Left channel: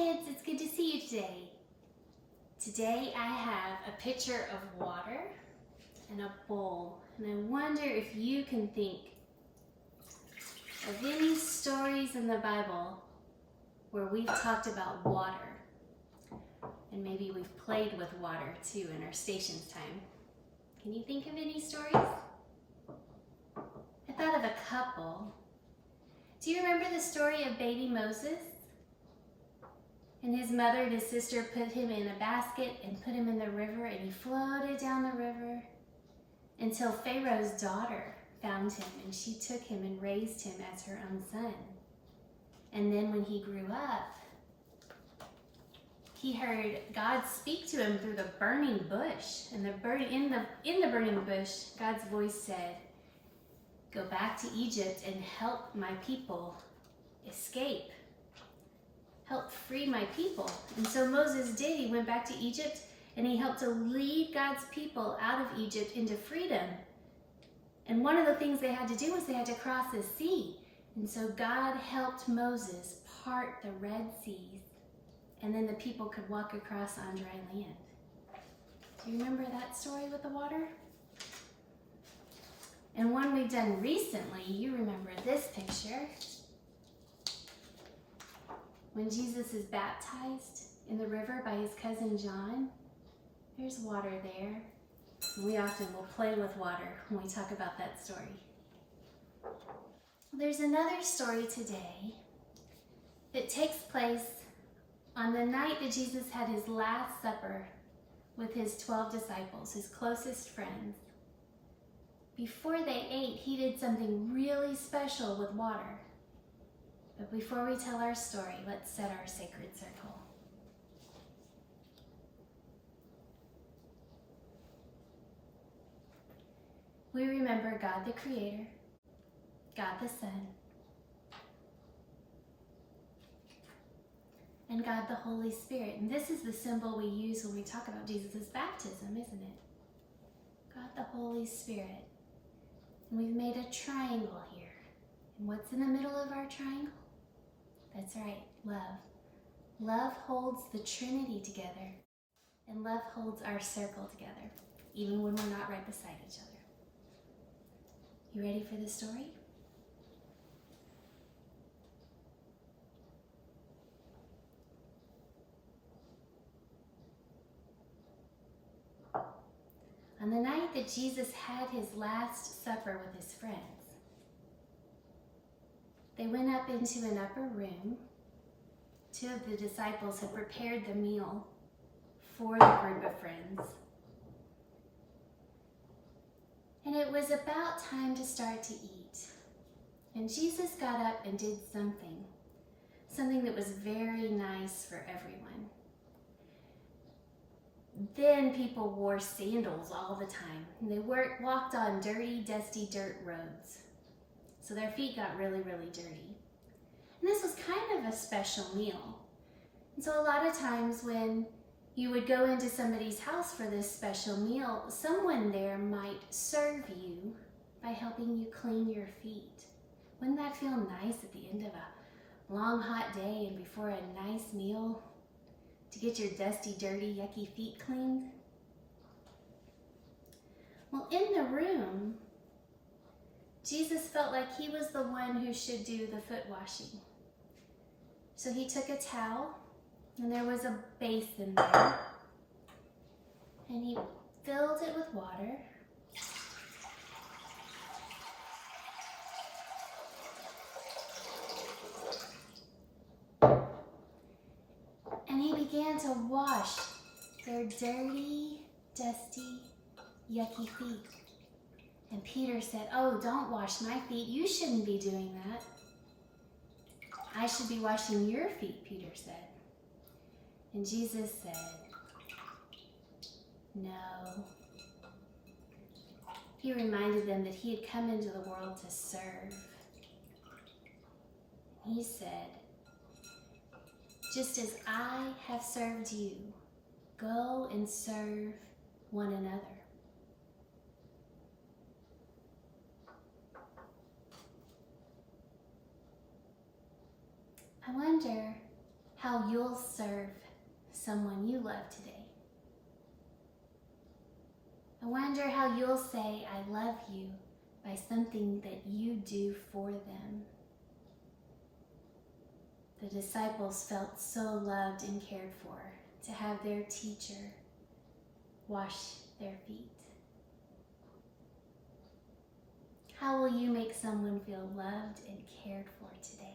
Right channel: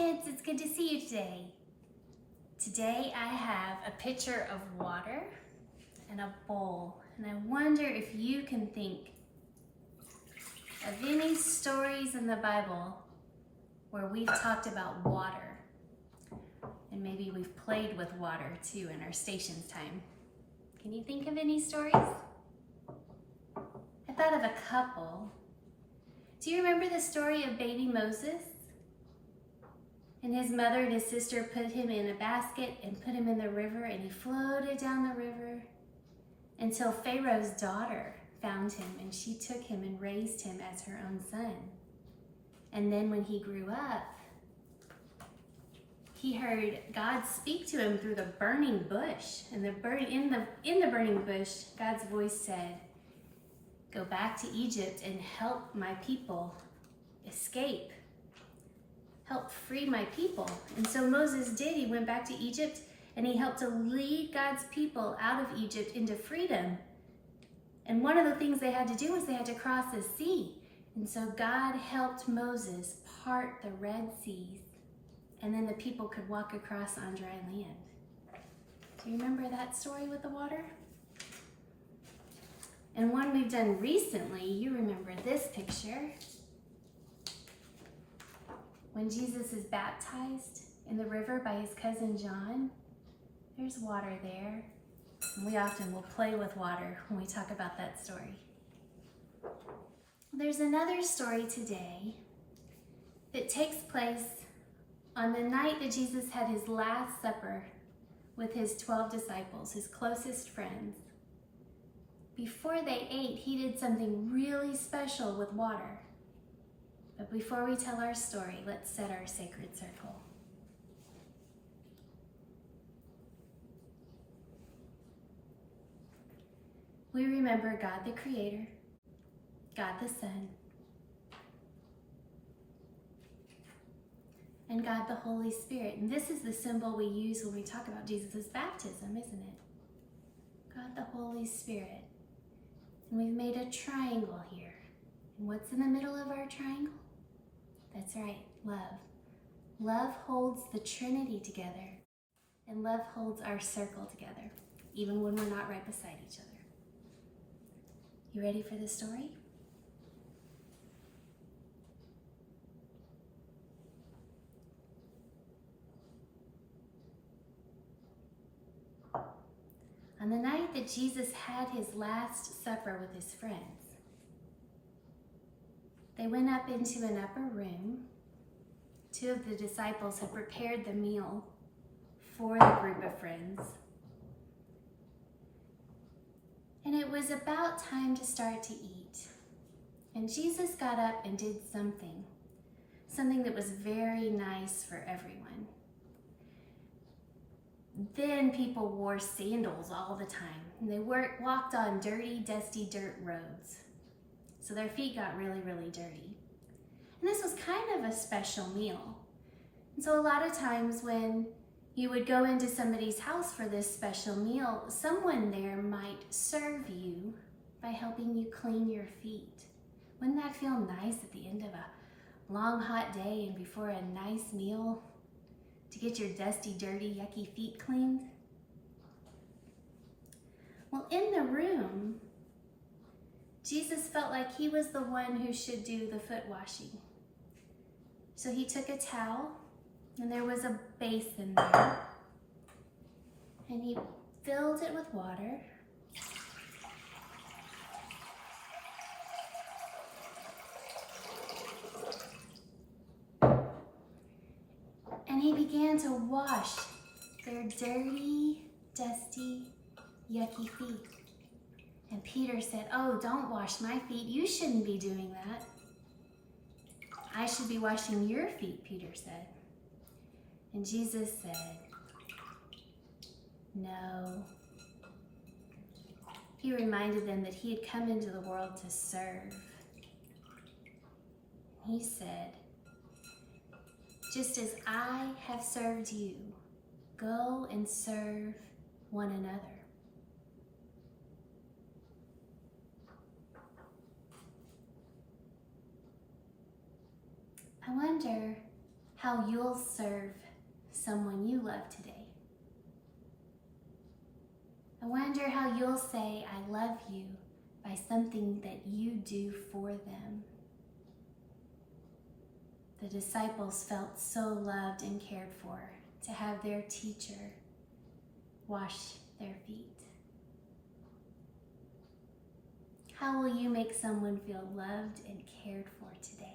kids, it's good to see you today. Today I have a pitcher of water and a bowl, and I wonder if you can think of any stories in the Bible where we've talked about water, and maybe we've played with water too in our stations time. Can you think of any stories? I thought of a couple. Do you remember the story of baby Moses? And his mother and his sister put him in a basket and put him in the river, and he floated down the river until Pharaoh's daughter found him, and she took him and raised him as her own son. And then when he grew up, he heard God speak to him through the burning bush. And in the burning bush, God's voice said, "Go back to Egypt and help my people escape. Help free my people." And so Moses did. He went back to Egypt and he helped to lead God's people out of Egypt into freedom. And one of the things they had to do was they had to cross the sea. And so God helped Moses part the Red Seas, and then the people could walk across on dry land. Do you remember that story with the water? And one we've done recently, you remember this picture. When Jesus is baptized in the river by his cousin John, there's water there. And we often will play with water when we talk about that story. There's another story today that takes place on the night that Jesus had his last supper with his 12 disciples, his closest friends. Before they ate, he did something really special with water. But before we tell our story, let's set our sacred circle. We remember God the Creator, God the Son, and God the Holy Spirit. And this is the symbol we use when we talk about Jesus' baptism, isn't it? God the Holy Spirit. And we've made a triangle here. And what's in the middle of our triangle? That's right, love. Love holds the Trinity together, and love holds our circle together, even when we're not right beside each other. You ready for the story? On the night that Jesus had his last supper with his friends, they went up into an upper room. Two of the disciples had prepared the meal for the group of friends. And it was about time to start to eat. And Jesus got up and did something that was very nice for everyone. Then people wore sandals all the time, and they walked on dirty, dusty dirt roads. So their feet got really, really dirty. And this was kind of a special meal. And so a lot of times when you would go into somebody's house for this special meal, someone there might serve you by helping you clean your feet. Wouldn't that feel nice at the end of a long, hot day and before a nice meal to get your dusty, dirty, yucky feet cleaned? Well, in the room, Jesus felt like he was the one who should do the foot washing. So he took a towel, and there was a basin there, and he filled it with water. And he began to wash their dirty, dusty, yucky feet. And Peter said, "Oh, don't wash my feet. You shouldn't be doing that." "I should be washing your feet," Peter said. And Jesus said, "No." He reminded them that he had come into the world to serve. He said, "Just as I have served you, go and serve one another." I wonder how you'll serve someone you love today. I wonder how you'll say, I love you, by something that you do for them. The disciples felt so loved and cared for to have their teacher wash their feet. How will you make someone feel loved and cared for today?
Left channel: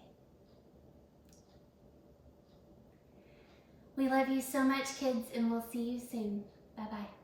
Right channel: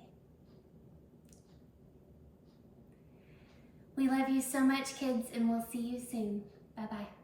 We love you so much, kids, and we'll see you soon. Bye-bye.